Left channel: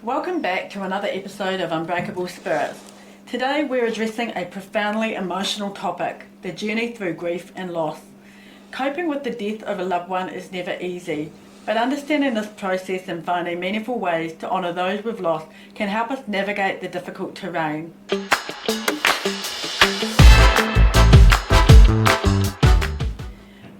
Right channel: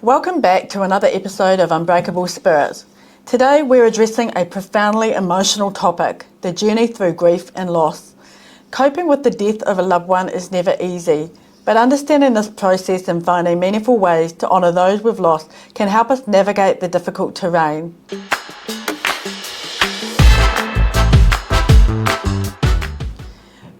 Welcome back to another episode of Unbreakable Spirit. Today we're addressing a profoundly emotional topic, the journey through grief and loss. Coping with the death of a loved one is never easy, but understanding this process and finding meaningful ways to honour those we've lost can help us navigate the difficult terrain.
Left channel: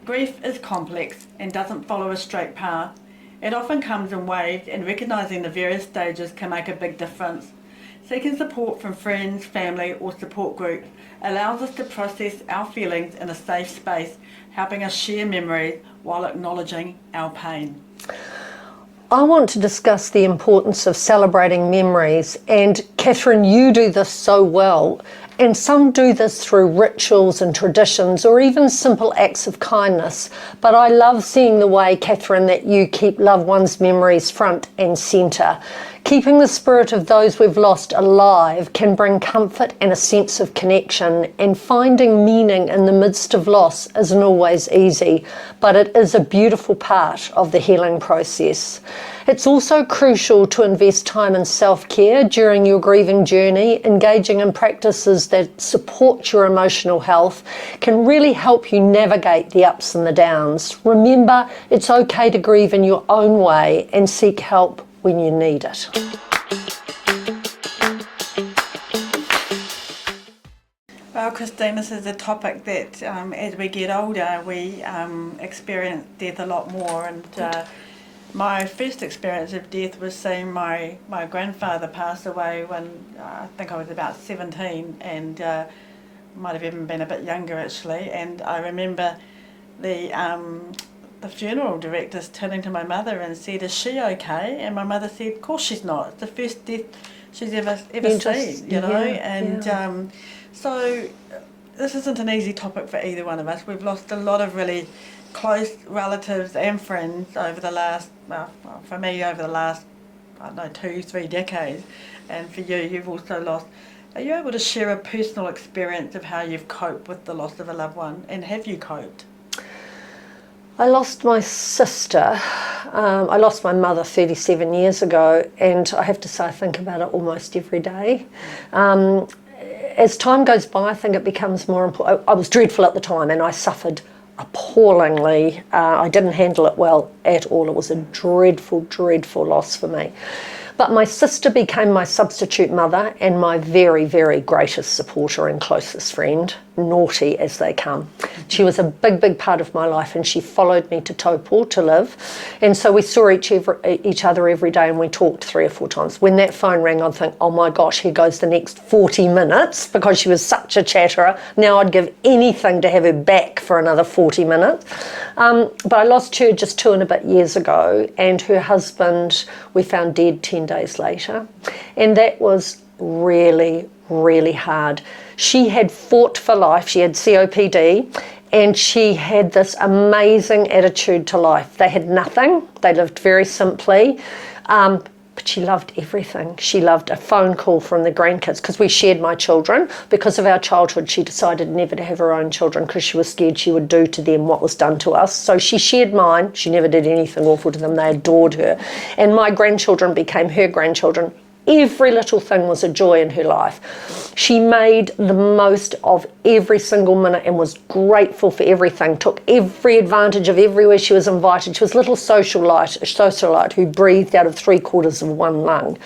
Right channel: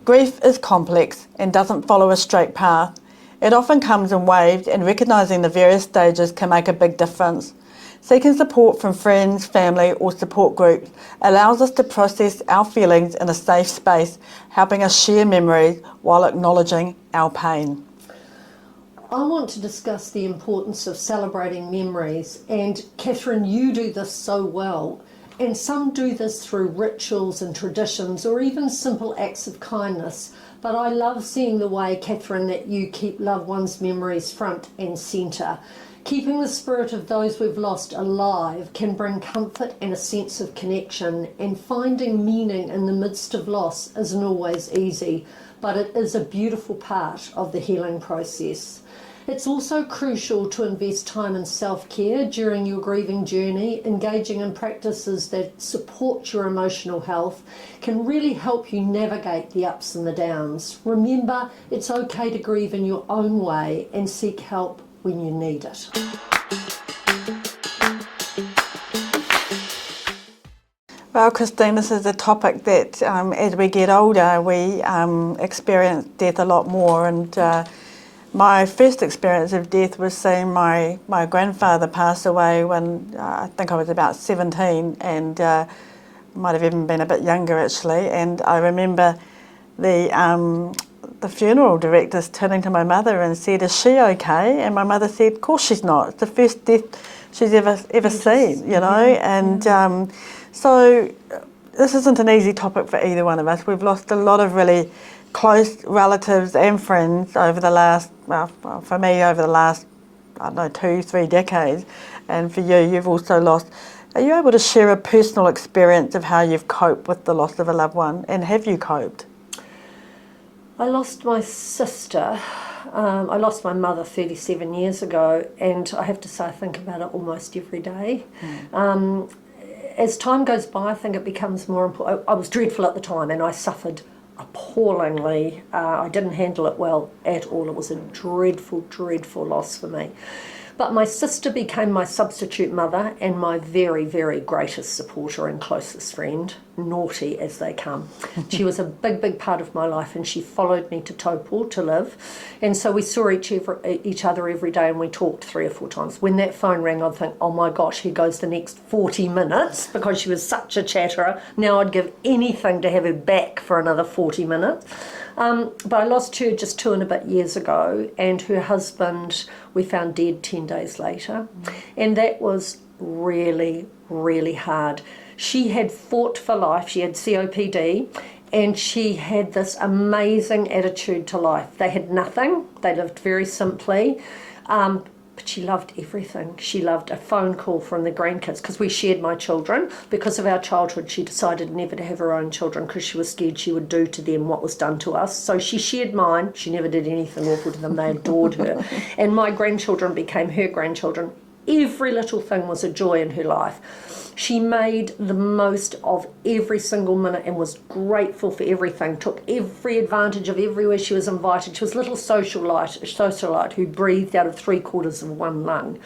Grief is complex and doesn't follow a straight path. It often comes in waves, and recognising the various stages can make a big difference. Seeking support from friends, family or support groups allows us to process our feelings in a safe space, helping us share memories while acknowledging our pain. I want to discuss the importance of celebrating memories, and Catherine, you do this so well. And some do this through rituals and traditions or even simple acts of kindness. But I love seeing the way, Catherine, that you keep loved ones' memories front and centre. Keeping the spirit of those we've lost alive can bring comfort and a sense of connection, and finding meaning in the midst of loss isn't always easy, but it is a beautiful part of the healing process. It's also crucial to invest time in self-care during your grieving journey. Engaging in practices that support your emotional health can really help you navigate the ups and the downs. Remember, it's okay to grieve in your own way and seek help when you need it. Well, Christine, this is a topic that as we get older we experience death a lot more, and my first experience of death was seeing my grandfather pass away when I think I was about 17, and might have even been a bit younger actually. And I remember the funeral directors turning to my mother and said, "Is she okay?" And my mother said, "Of course she's not. It's the first death she's ever seen, you know." And so this isn't an easy topic for either one of us. We've lost a lot of really close relatives and friends over the last, for me, over the last, 2-3 decades. And for you, you've also lost. Are you able to share a personal experience of how you've coped with the loss of a loved one, and have you coped? I lost my sister. I lost my mother 37 years ago, and I have to say I think about it almost every day. As time goes by, I think it becomes more important. I was dreadful at the time, and I suffered appallingly. I didn't handle it well at all. It was a dreadful, dreadful loss for me. But my sister became my substitute mother and my very, very greatest supporter and closest friend, naughty as they come. She was a big, big part of my life, and she followed me to Taupo to live. And so we saw each other every day, and we talked 3 or 4 times. When that phone rang, I'd think, oh my gosh, here goes the next 40 minutes, because she was such a chatterer. Now I'd give anything to have her back for another 40 minutes. But I lost her just 2 and a bit years ago, and her husband we found dead 10 days later. And that was really, really hard. She had fought for life. She had COPD, and she had this amazing attitude to life. They had nothing. They lived very simply. But she loved everything. She loved a phone call from the grandkids, because we shared my children. Because of our childhood, she decided never to have her own children because she was scared she would do to them what was done to us. So she shared mine. She never did anything awful to them. They adored her. And my grandchildren became her grandchildren. Every little thing was a joy in her life. She made the most of every single minute and was grateful for everything, took every advantage of everywhere she was invited. She was a little socialite who breathed out of 3/4 of one lung.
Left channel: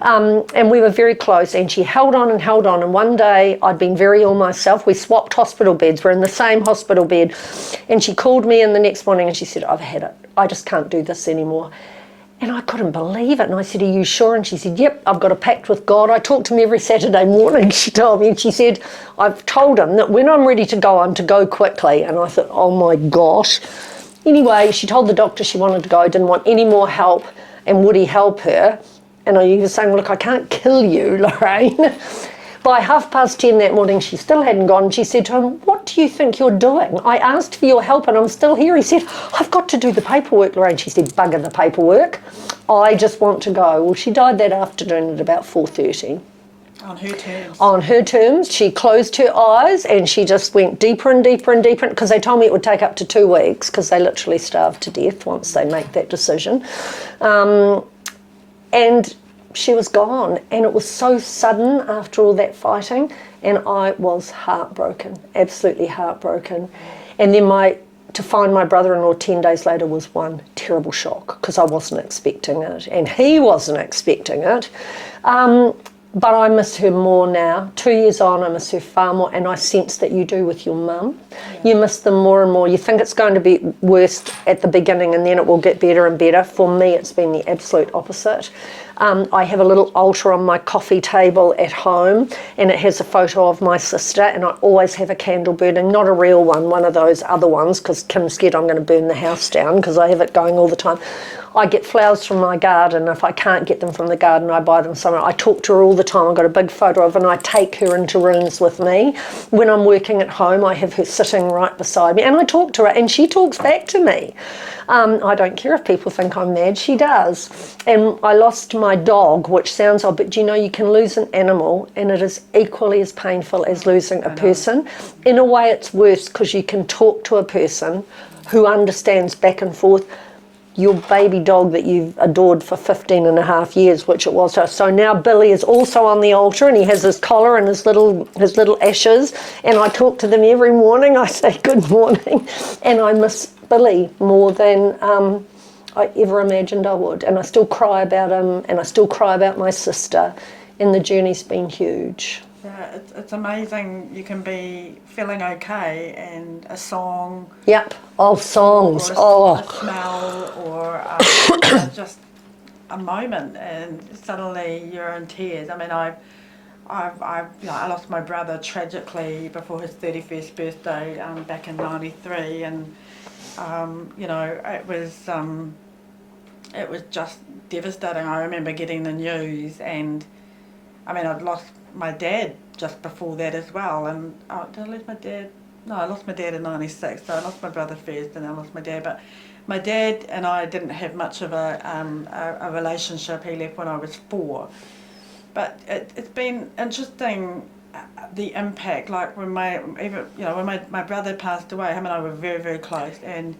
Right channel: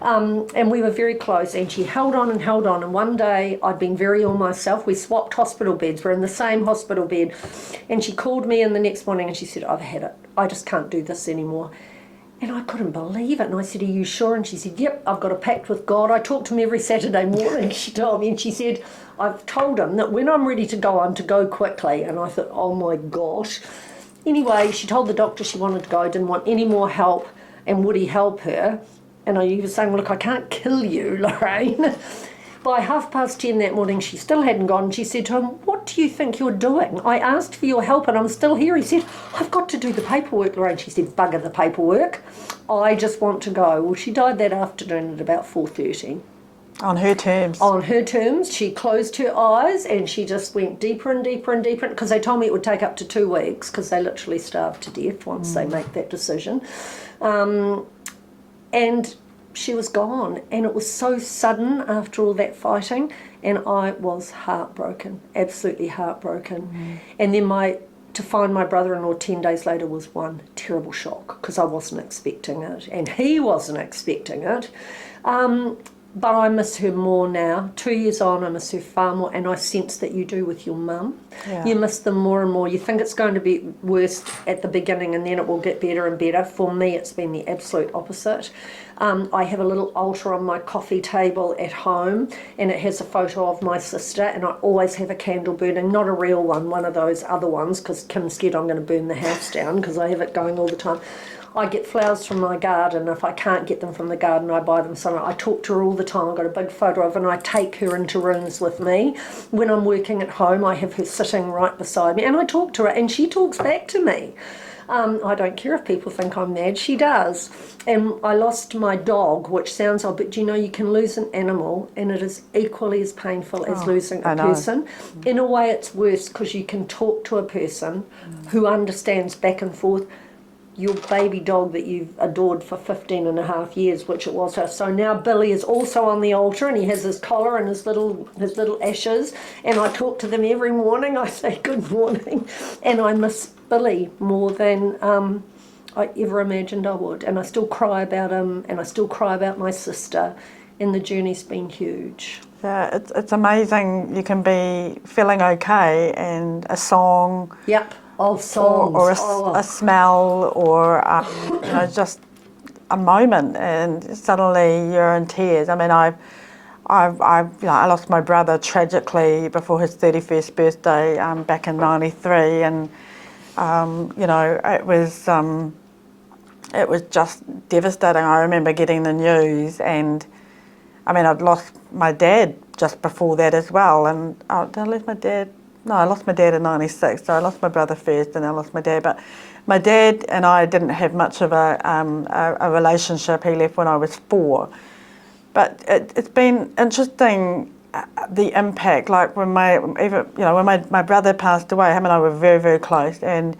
And we were very close, and she held on and held on. And one day, I'd been very ill myself. We swapped hospital beds. We're in the same hospital bed. And she called me in the next morning and she said, "I've had it. I just can't do this anymore." And I couldn't believe it. And I said, "Are you sure?" And she said, "Yep, I've got a pact with God. I talk to him every Saturday morning," she told me. And she said, "I've told him that when I'm ready to go, I'm to go quickly." And I thought, oh my gosh. Anyway, she told the doctor she wanted to go, didn't want any more help, and would he help her? And he was saying, "Look, I can't kill you, Lorraine." By 10:30 that morning, she still hadn't gone. She said to him, "What do you think you're doing? I asked for your help and I'm still here." He said, "I've got to do the paperwork, Lorraine." She said, "Bugger the paperwork. I just want to go." Well, she died that afternoon at about 4:30. On her terms. On her terms. She closed her eyes and she just went deeper and deeper and deeper, because they told me it would take up to 2 weeks, because they literally starve to death once they make that decision. And she was gone, and it was so sudden after all that fighting, and I was heartbroken, absolutely heartbroken. And then to find my brother-in-law 10 days later was one terrible shock, because I wasn't expecting it, and he wasn't expecting it. But I miss her more now. 2 years on, I miss her far more, and I sense that you do with your mum. Yeah. You miss them more and more. You think it's going to be worse at the beginning and then it will get better and better. For me, it's been the absolute opposite. I have a little altar on my coffee table at home, and it has a photo of my sister, and I always have a candle burning, not a real one of those other ones, because Kim's scared I'm going to burn the house down, because I have it going all the time. I get flowers from my garden. If I can't get them from the garden, I buy them somewhere. I talk to her all the time. I've got a big photo of her, and I take her into rooms with me. When I'm working at home, I have her sitting right beside me, and I talk to her, and she talks back to me. I don't care if people think I'm mad, she does. And I lost my dog, which sounds odd, but you can lose an animal and it is equally as painful as losing a person. In a way, it's worse, because you can talk to a person who understands back and forth. Your baby dog that you've adored for 15 and a half years, which it was. So now Billy is also on the altar, and he has his collar and his little ashes, and I talk to them every morning. I say good morning, and I miss Billy more than I ever imagined I would, and I still cry about him, and I still cry about my sister, and the journey's been huge. Yeah, it's amazing. You can be feeling okay, and a song. Yep. Oh, songs. Or a smell, or just a moment, and suddenly you're in tears. I mean, I lost my brother tragically before his 31st birthday back in '93, and it was just devastating. I remember getting the news, and I mean, I'd lost my dad just before that as well. And did I lose my dad? No, I lost my dad in '96, so I lost my brother first and I lost my dad. But my dad and I didn't have much of a relationship. He left when I was 4. But it's been interesting, the impact. Like when my brother passed away, him and I were very, very close, and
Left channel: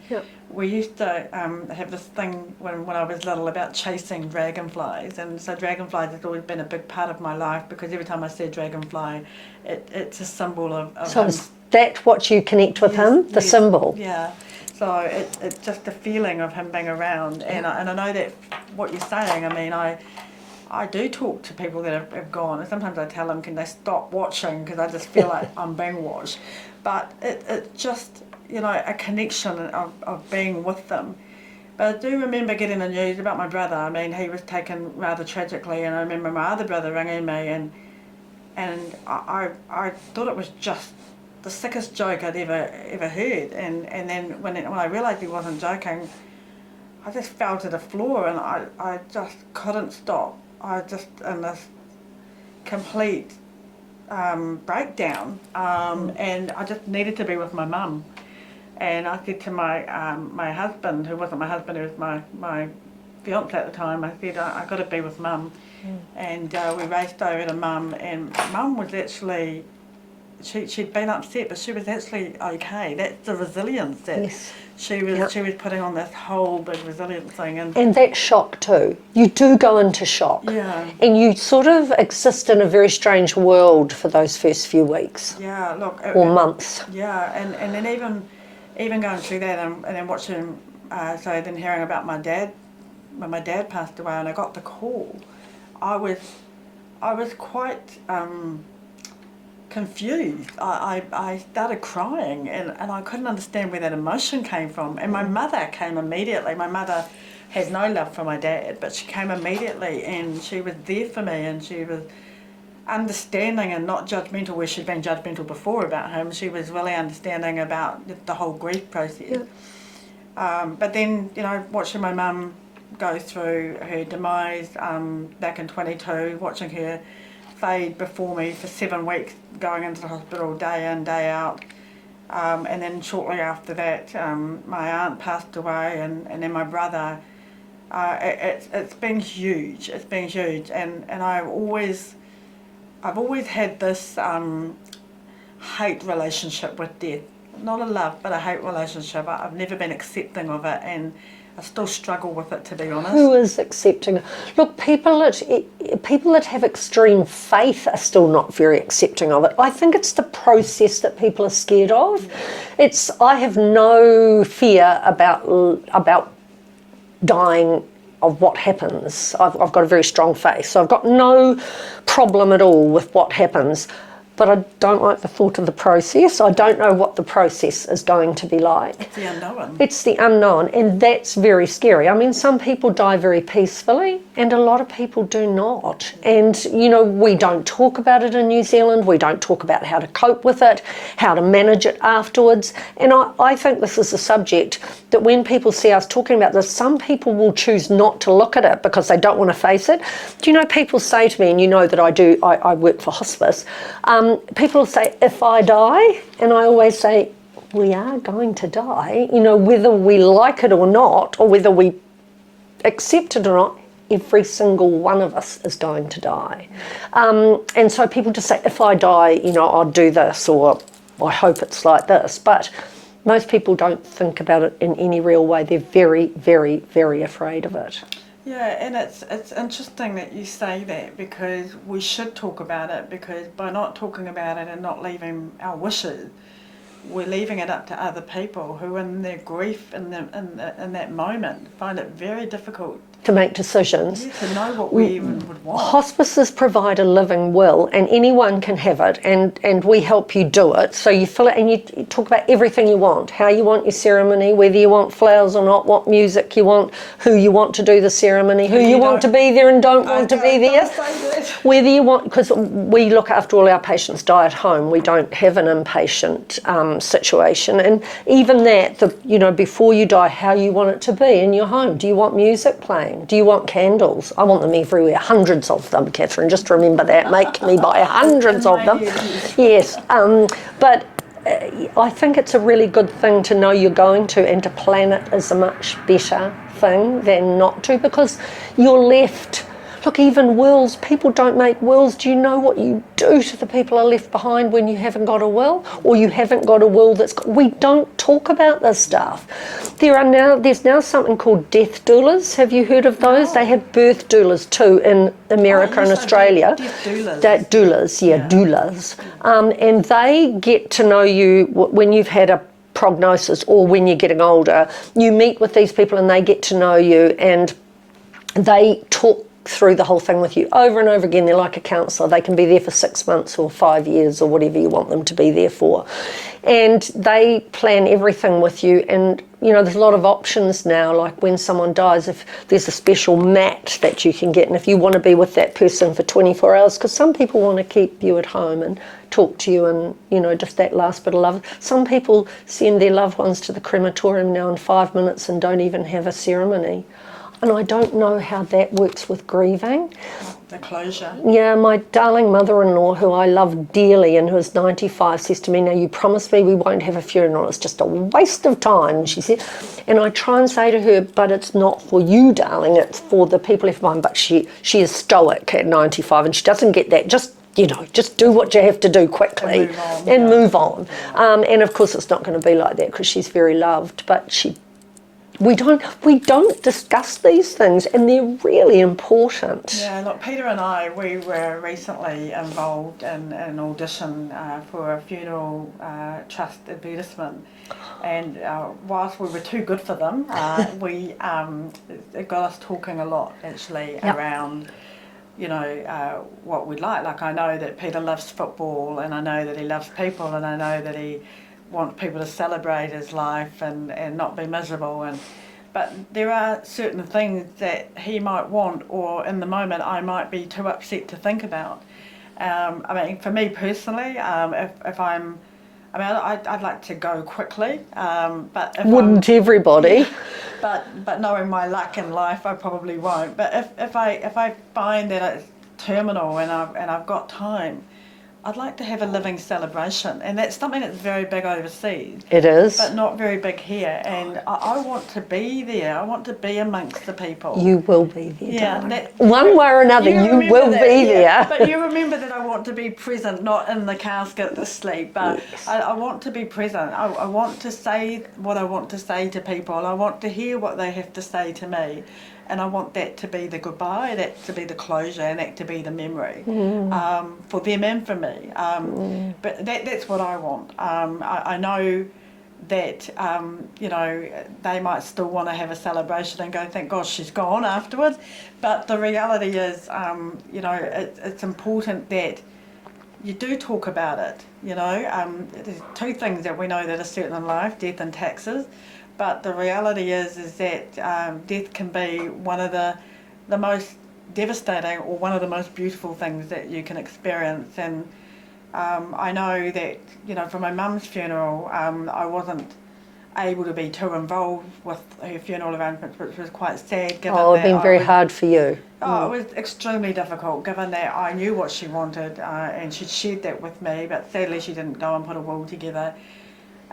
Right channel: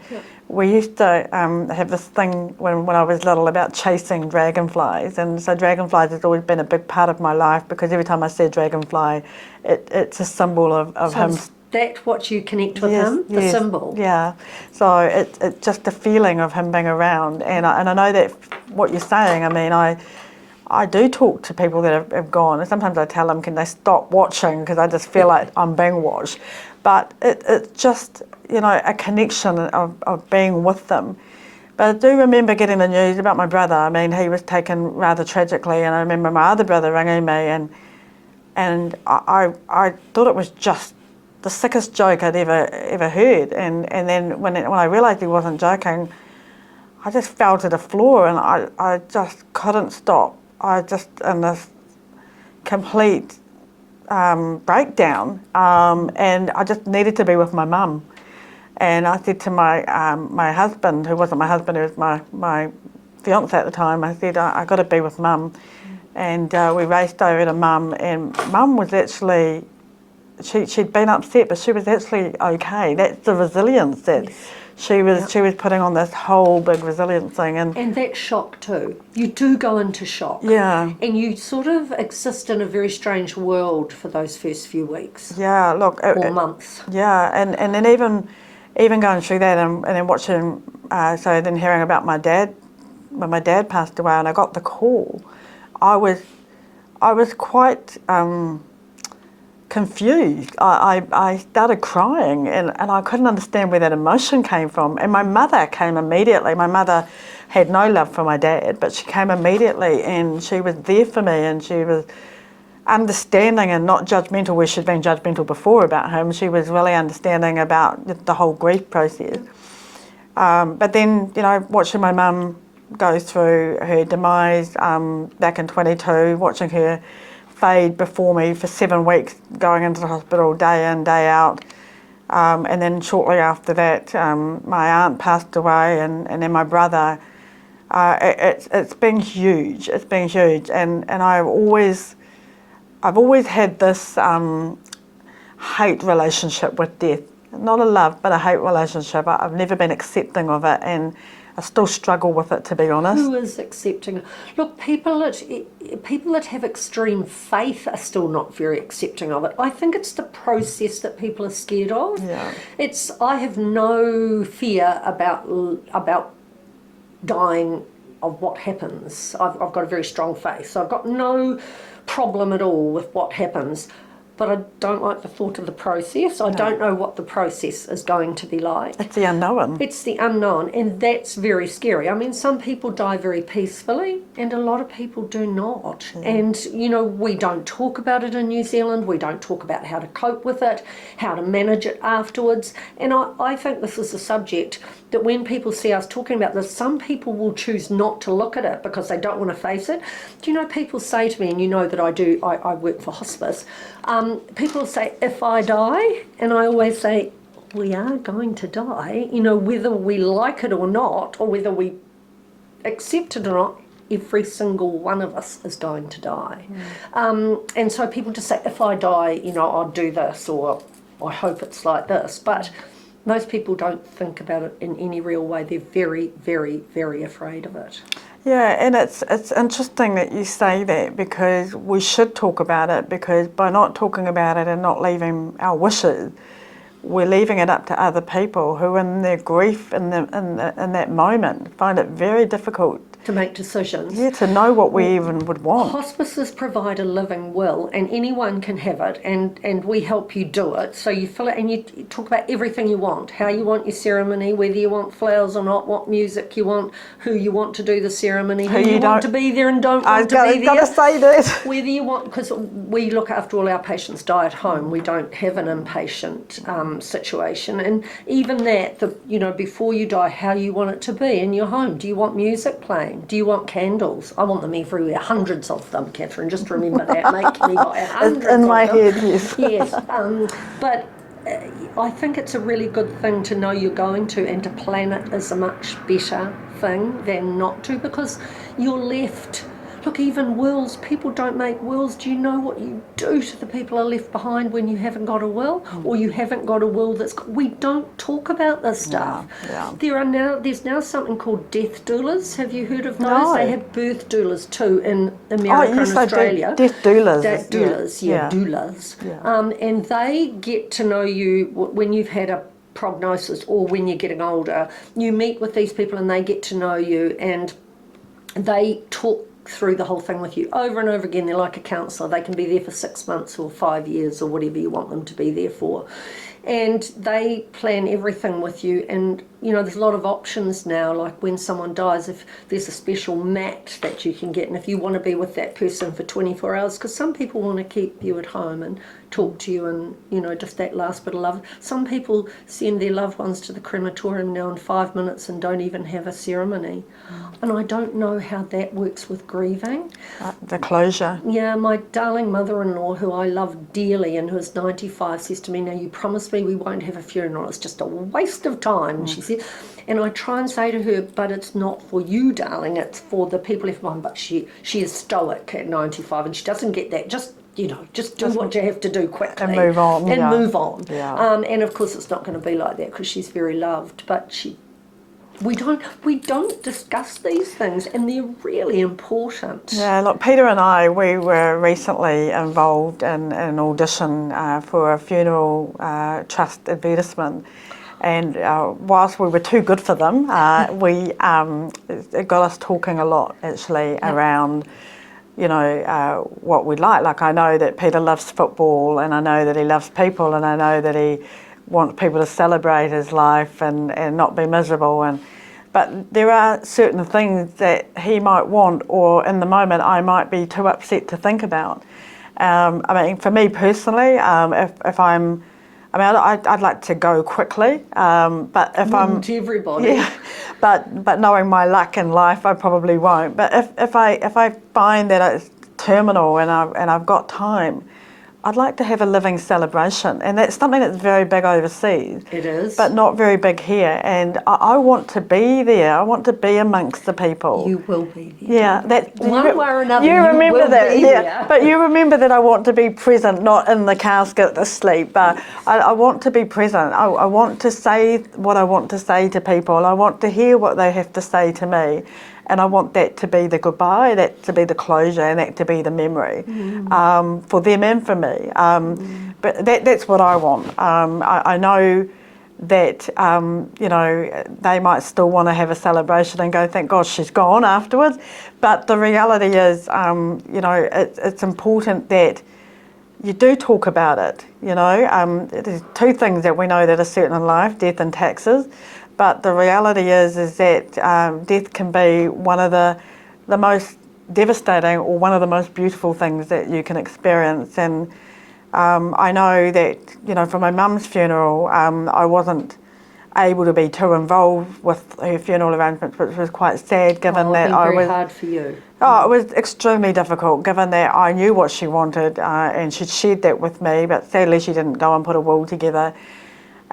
we used to have this thing when I was little about chasing dragonflies, and so dragonflies has always been a big part of my life, because every time I see a dragonfly, it's a symbol of him. Is that what you connect with him? The symbol? Yeah. So it's just the feeling of him being around, and I know that what you're saying. I mean, I do talk to people that have gone, and sometimes I tell them, can they stop watching, because I just feel like I'm being watched. But it's just, a connection of being with them. But I do remember getting the news about my brother. I mean, he was taken rather tragically, and I remember my other brother ringing me, and I thought it was just the sickest joke I'd ever heard. And then when I realised he wasn't joking, I just fell to the floor, and I just couldn't stop. I just in this complete breakdown, and I just needed to be with my mum. And I said to my husband, who wasn't my husband, he was my fiance at the time, I said, I got to be with mum. And we raced over to mum, and mum was actually, she'd been upset, but she was actually okay. That's the resilience that she was putting on, this whole big resilience thing. And that shock too. You do go into shock. Yeah. And you sort of exist in a very strange world for those first few weeks. Yeah, look. Or months. Yeah, and then even going through that, and then watching, so then hearing about my dad, when my dad passed away and I got the call, I was quite confused. I started crying, and I couldn't understand where that emotion came from. And my mother came immediately. My mother had no love for my dad, but she came immediately, and she was there for me, and she was understanding and not judgmental where she'd been judgmental before about him. She was really understanding about the whole grief process. But then, watching my mum go through her demise back in 22, watching her fade before me for 7 weeks, going into the hospital day in, day out. And then shortly after that, my aunt passed away, and then my brother. It's been huge. It's been huge. And I've always I've always had this hate relationship with death. Not a love, but a hate relationship. I've never been accepting of it, and I still struggle with it, to be honest. Who is accepting? Look, people that have extreme faith are still not very accepting of it. I think it's the process that people are scared of. Yeah. I have no fear about dying of what happens. I've got a very strong faith, so I've got no problem at all with what happens. But I don't like the thought of the process. I don't know what the process is going to be like. It's the unknown. It's the unknown, and that's very scary. I mean, some people die very peacefully, and a lot of people do not. And, we don't talk about it in New Zealand. We don't talk about how to cope with it, how to manage it afterwards. And I think this is a subject that when people see us talking about this, some people will choose not to look at it because they don't want to face it. Do people say to me, and that I work for hospice, people say, if I die, and I always say, we are going to die, whether we like it or not, or whether we accept it or not, every single one of us is going to die. And so people just say, if I die, I'll do this, or I hope it's like this. But most people don't think about it in any real way. They're very, very, very afraid of it. Yeah, and it's interesting that you say that, because we should talk about it, because by not talking about it and not leaving our wishes, we're leaving it up to other people who, in their grief in that moment, find it very difficult to make decisions. Yeah, to know what we even would want. Hospices provide a living will, and anyone can have it, and we help you do it. So you fill it and you talk about everything you want, how you want your ceremony, whether you want flowers or not, what music you want, who you want to do the ceremony, who you want to be there and don't want to be there. I've got to say that. Whether you want, because we look after all our patients die at home. We don't have an inpatient situation. And even that, before you die, how you want it to be in your home. Do you want music playing? Do you want candles? I want them everywhere, hundreds of them, Catherine. Just remember that. Make me buy hundreds of them. Head, yes. But I think it's a really good thing to know you're going to, and to plan it is a much better thing than not to, because you're left. Look, even wills, people don't make wills. Do you know what you do to the people who are left behind when you haven't got a will, or you haven't got a will we don't talk about this stuff. There's now something called death doulas. Have you heard of those? No. They have birth doulas too in America and Australia. Death doulas. Doulas. Yeah. And they get to know you when you've had a prognosis or when you're getting older. You meet with these people and they get to know you, and they talk through the whole thing with you over and over again. They're like a counsellor. They can be there for 6 months or 5 years or whatever you want them to be there for. And they plan everything with you. And, there's a lot of options now, like when someone dies, if there's a special mat that you can get, and if you want to be with that person for 24 hours, because some people want to keep you at home and talk to you and, just that last bit of love. Some people send their loved ones to the crematorium now in 5 minutes and don't even have a ceremony. And I don't know how that works with grieving. The closure. Yeah, my darling mother-in-law, who I love dearly and who is 95, says to me, now you promised me we won't have a funeral. It's just a waste of time, she said. And I try and say to her, but it's not for you, darling, it's for the people left behind. But she is stoic at 95 and she doesn't get that. Just do what you have to do quickly. And move on. Move on. Yeah. And of course it's not going to be like that because she's very loved, but we don't discuss these things, and they're really important. Yeah, look, Peter and I, we were recently involved in an audition for a funeral trust advertisement, and whilst we were too good for them, it got us talking a lot actually around, what we'd like. Like, I know that Peter loves football, and I know that he loves people, and I know that he wants people to celebrate his life and not be miserable. But there are certain things that he might want, or in the moment I might be too upset to think about. For me personally, I'd like to go quickly, but if Wouldn't everybody? Yeah, but knowing my luck in life, I probably won't. But if I find that it's terminal and I've got time, I'd like to have a living celebration, and that's something that's very big overseas. It is. But not very big here, and I want to be there. I want to be amongst the people. You will be there. Yeah, that one way or another, you will be there. But you remember that I want to be present, not in the casket asleep. But Yes. I want to be present. I want to say what I want to say to people. I want to hear what they have to say to me. And I want that to be the goodbye, that to be the closure, and that to be the memory for them and for me. But that's what I want. I know that, you know, they might still want to have a celebration and go, thank God she's gone afterwards. But the reality is, you know, it's important that you do talk about it, you know. There's two things that we know that are certain in life, death and taxes. But the reality is that death can be one of the most devastating or one of the most beautiful things that you can experience. And I know that, you know, for my mum's funeral, I wasn't able to be too involved with her funeral arrangements, which was quite sad, given that it's been very hard for you. Oh, it was extremely difficult, given that I knew what she wanted and she'd shared that with me, but sadly she didn't go and put a will together.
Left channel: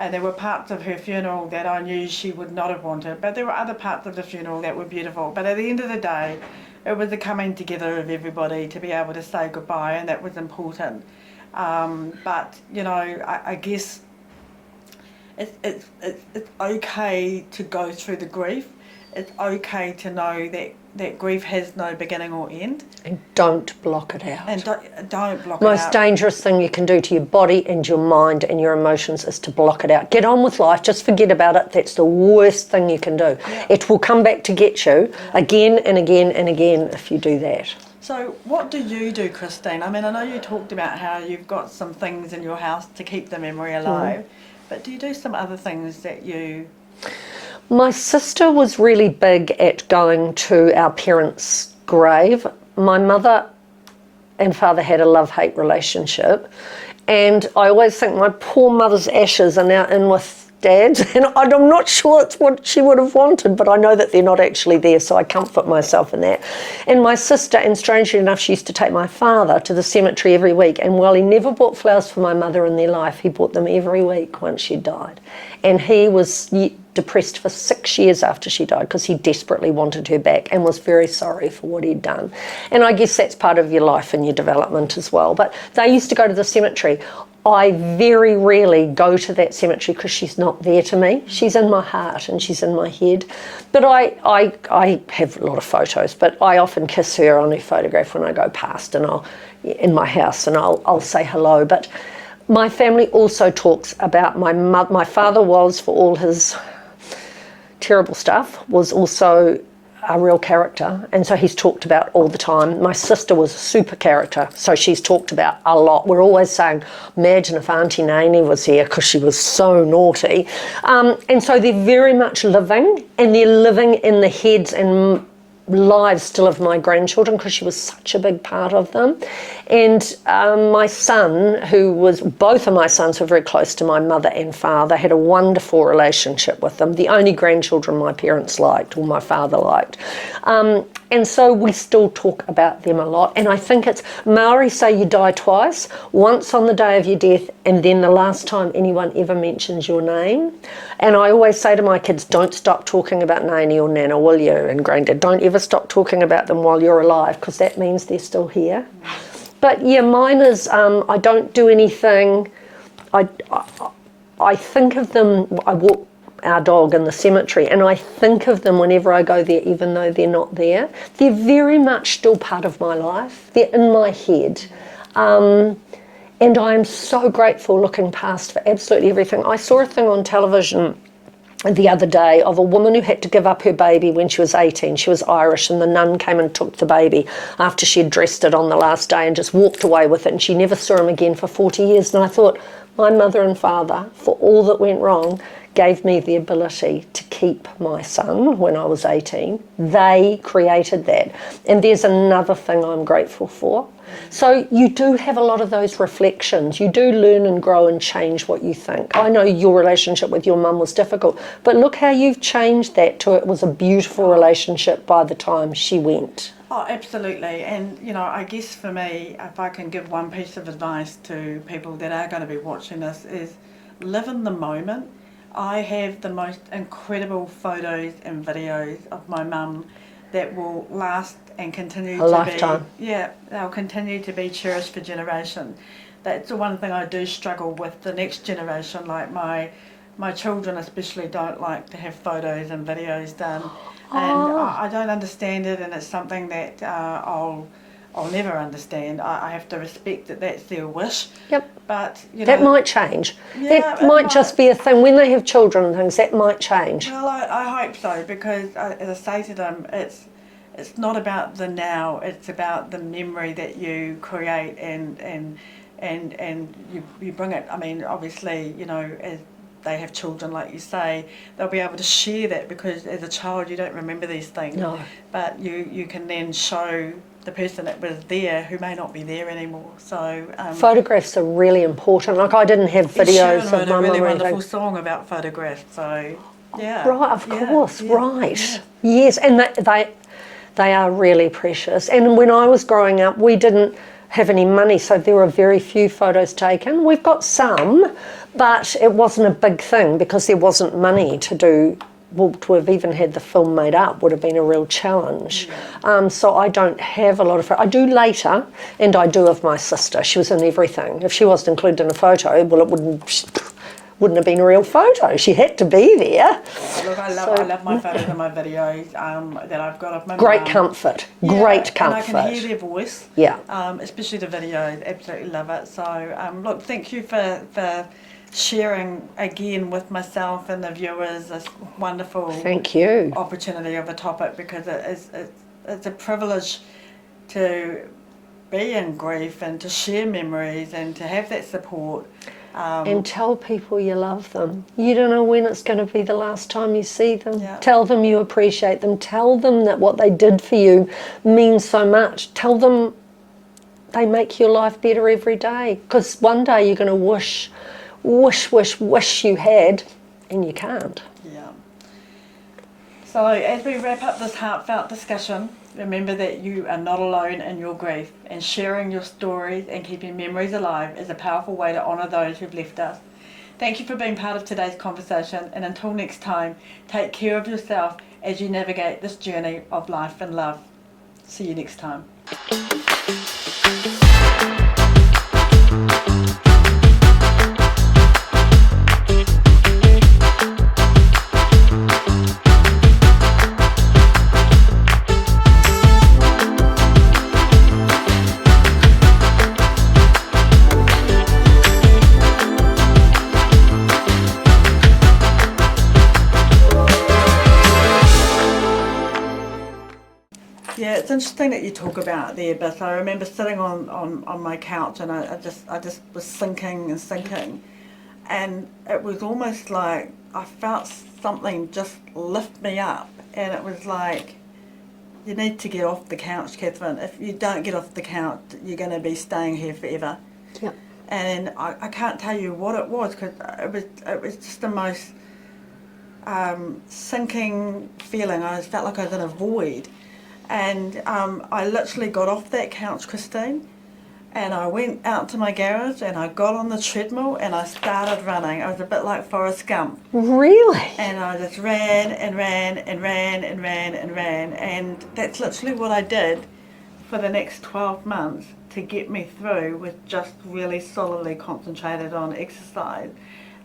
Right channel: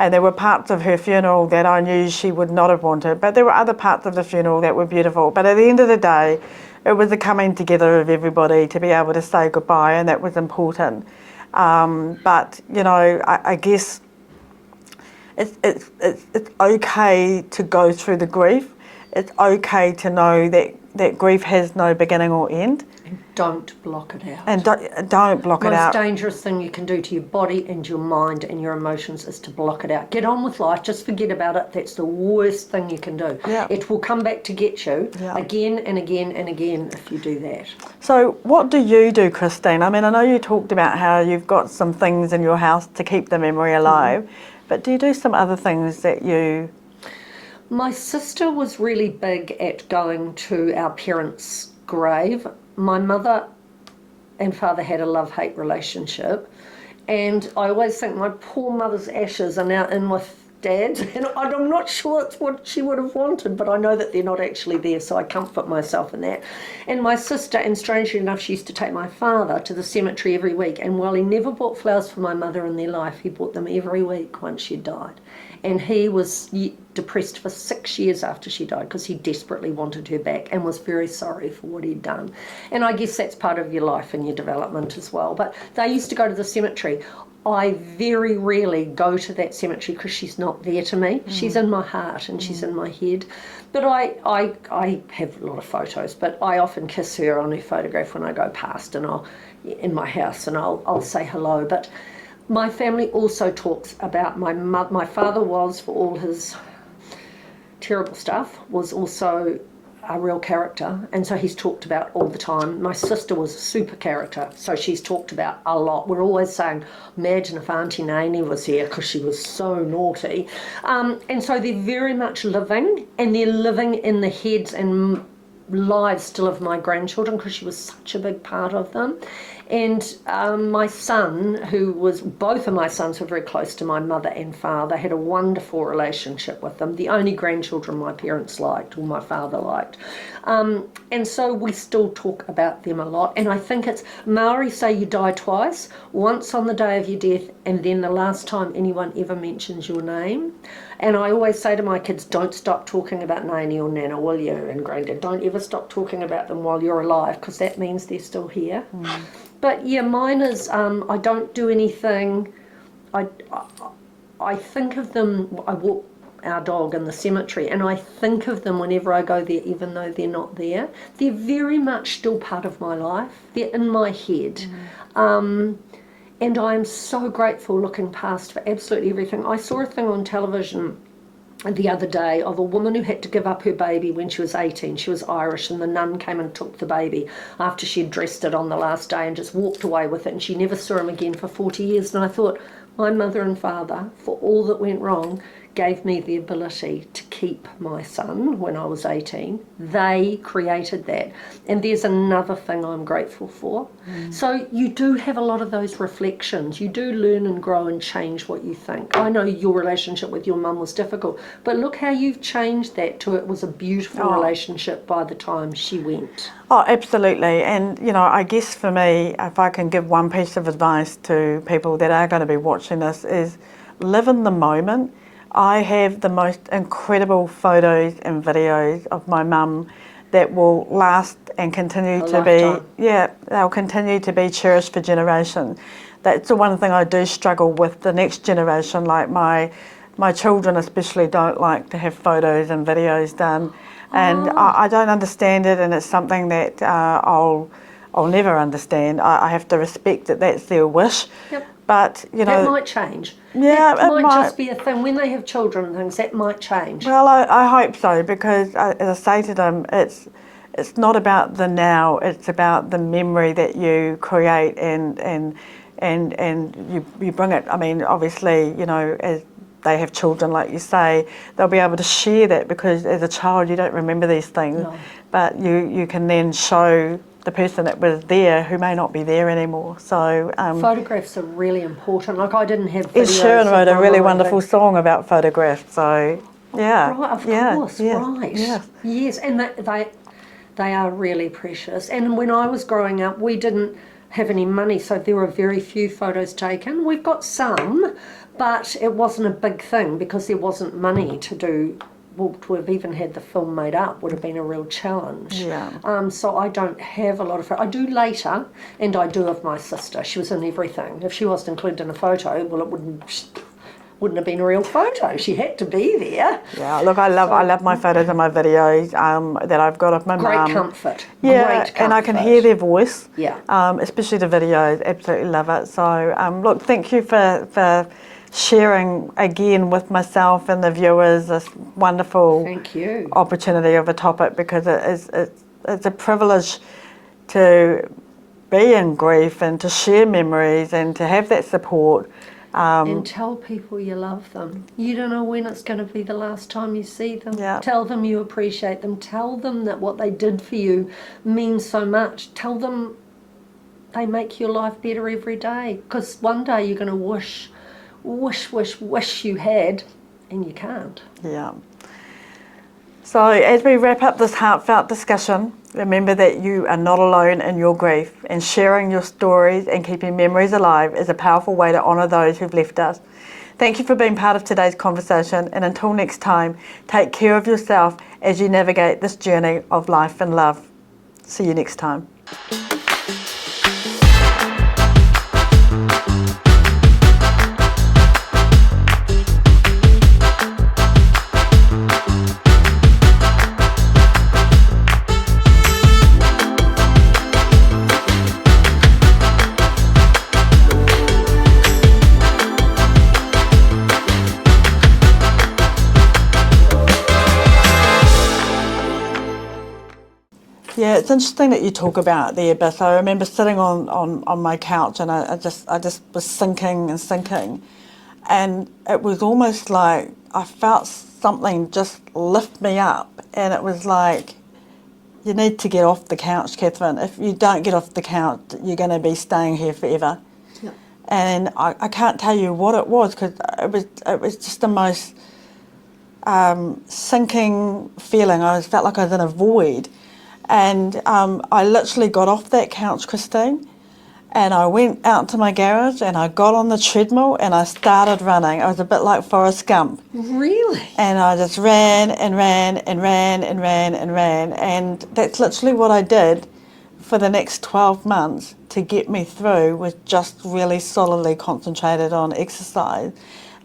And there were parts of her funeral that I knew she would not have wanted, but there were other parts of the funeral that were beautiful. But at the end of the day, it was the coming together of everybody to be able to say goodbye, and that was important. But, you know, I guess it's okay to go through the grief. It's okay to know that grief has no beginning or end. And don't block it out. And don't block it The out. most dangerous thing you can do to your body and your mind and your emotions is to block it out. Get on with life, just forget about it. That's the worst thing you can do. Yeah. It will come back to get you again and again and again if you do that. So what do you do, Christine? I mean, I know you talked about how you've got some things in your house to keep the memory alive, but do you do some other things that you... My sister was really big at going to our parents' grave. My mother and father had a love-hate relationship, and I always think my poor mother's ashes are now in with Dad's, and I'm not sure it's what she would have wanted, but I know that they're not actually there, so I comfort myself in that. And my sister, and strangely enough, she used to take my father to the cemetery every week, and while he never bought flowers for my mother in their life, he bought them every week once she died. And he was depressed for 6 years after she died because he desperately wanted her back and was very sorry for what he'd done. And I guess that's part of your life and your development as well. But they used to go to the cemetery. I very rarely go to that cemetery because she's not there to me. She's in my heart and she's in my head. But I have a lot of photos, but I often kiss her on her photograph when I go past, and in my house, and I'll say hello. But my family also talks about my father was, for all his terrible stuff, was also a real character, and so he's talked about all the time. My sister was a super character, so she's talked about a lot. We're always saying, imagine if Auntie Nanny was here, because she was so naughty. And so they're very much living, and they're living in the heads and lives still of my grandchildren, because she was such a big part of them. And my son, both of my sons were very close to my mother and father, had a wonderful relationship with them, the only grandchildren my parents liked, or my father liked. And so we still talk about them a lot. And I think it's, Maori say you die twice, once on the day of your death, and then the last time anyone ever mentions your name. And I always say to my kids, don't stop talking about Nani or Nana, will you? And Granddad, don't ever stop talking about them while you're alive, because that means they're still here. But yeah, mine is, I don't do anything. I think of them, I walk our dog in the cemetery, and I think of them whenever I go there, even though they're not there. They're very much still part of my life. They're in my head. And I'm so grateful looking past for absolutely everything. I saw a thing on television the other day of a woman who had to give up her baby when she was 18. She was Irish, and the nun came and took the baby after she had dressed it on the last day and just walked away with it, and she never saw him again for 40 years. And I thought, my mother and father, for all that went wrong, gave me the ability to keep my son when I was 18. They created that. And there's another thing I'm grateful for. So you do have a lot of those reflections. You do learn and grow and change what you think. I know your relationship with your mum was difficult, but look how you've changed that to it was a beautiful relationship by the time she went. Oh, absolutely. And, you know, I guess for me, if I can give one piece of advice to people that are going to be watching this, is live in the moment. I have the most incredible photos and videos of my mum that will last and continue to lifetime. be, they'll continue to be cherished for generations. That's the one thing I do struggle with the next generation. Like my children especially don't like to have photos and videos done. And I don't understand it, and it's something that I'll never understand. I have to respect that that's their wish. Yep. But, you know... That might change. Yeah, that might just be a thing. When they have children and things, that might change. Well, I hope so, because as I say to them, it's not about the now, it's about the memory that you create and you bring it. I mean, obviously, you know, as they have children, like you say, they'll be able to share that, because as a child you don't remember these things. No. But you can then show the person that was there who may not be there anymore. So photographs are really important. Like, I didn't have videos. Sharon wrote a really wonderful song about photographs. So yeah, right, of course, right, yeah. Yes, and they are really precious. And when I was growing up, we didn't have any money, so there were very few photos taken. We've got some, but it wasn't a big thing because there wasn't money to do. Well, to have even had the film made up would have been a real challenge. Yeah. So I don't have a lot of... I do later, and I do of my sister. She was in everything. If she wasn't included in a photo, well, it wouldn't have been a real photo. She had to be there. Yeah, look, I love my photos and my videos that I've got of my Great mum. Comfort. Yeah, Great comfort. And I can hear their voice. Yeah. Especially the videos. Absolutely love it. So look, thank you for sharing again with myself and the viewers this wonderful opportunity of a topic, because it's a privilege to be in grief and to share memories and to have that support. And tell people you love them. You don't know when it's going to be the last time you see them. Yeah. Tell them you appreciate them. Tell them that what they did for you means so much. Tell them they make your life better every day, because one day you're going to wish you had, and you can't. Yeah. So as we wrap up this heartfelt discussion, remember that you are not alone in your grief, and sharing your stories and keeping memories alive is a powerful way to honour those who've left us. Thank you for being part of today's conversation, and until next time, take care of yourself as you navigate this journey of life and love. See you next time. Yeah, it's interesting that you talk about the abyss. I remember sitting on my couch, and I just was sinking and sinking, and it was almost like I felt something just lift me up, and it was like, you need to get off the couch, Catherine. If you don't get off the couch, you're going to be staying here forever. Yeah. And I can't tell you what it was, because it was just the most sinking feeling. I felt like I was in a void. And I literally got off that couch, Christine, and I went out to my garage and I got on the treadmill and I started running. I was a bit like Forrest Gump. Really? And I just ran and ran and ran and ran and ran. And that's literally what I did for the next 12 months to get me through, was just really solidly concentrated on exercise.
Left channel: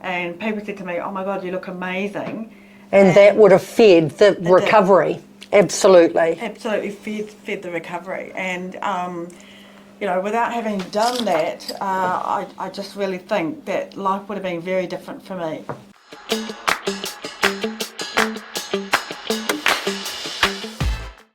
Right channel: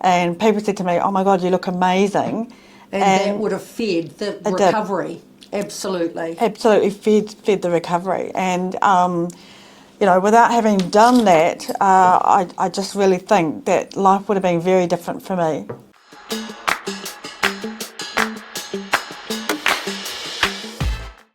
And people said to me, "Oh my God, you look amazing." And that would have fed the recovery. Absolutely. Absolutely fed the recovery. And, you know, without having done that, I just really think that life would have been very different for me.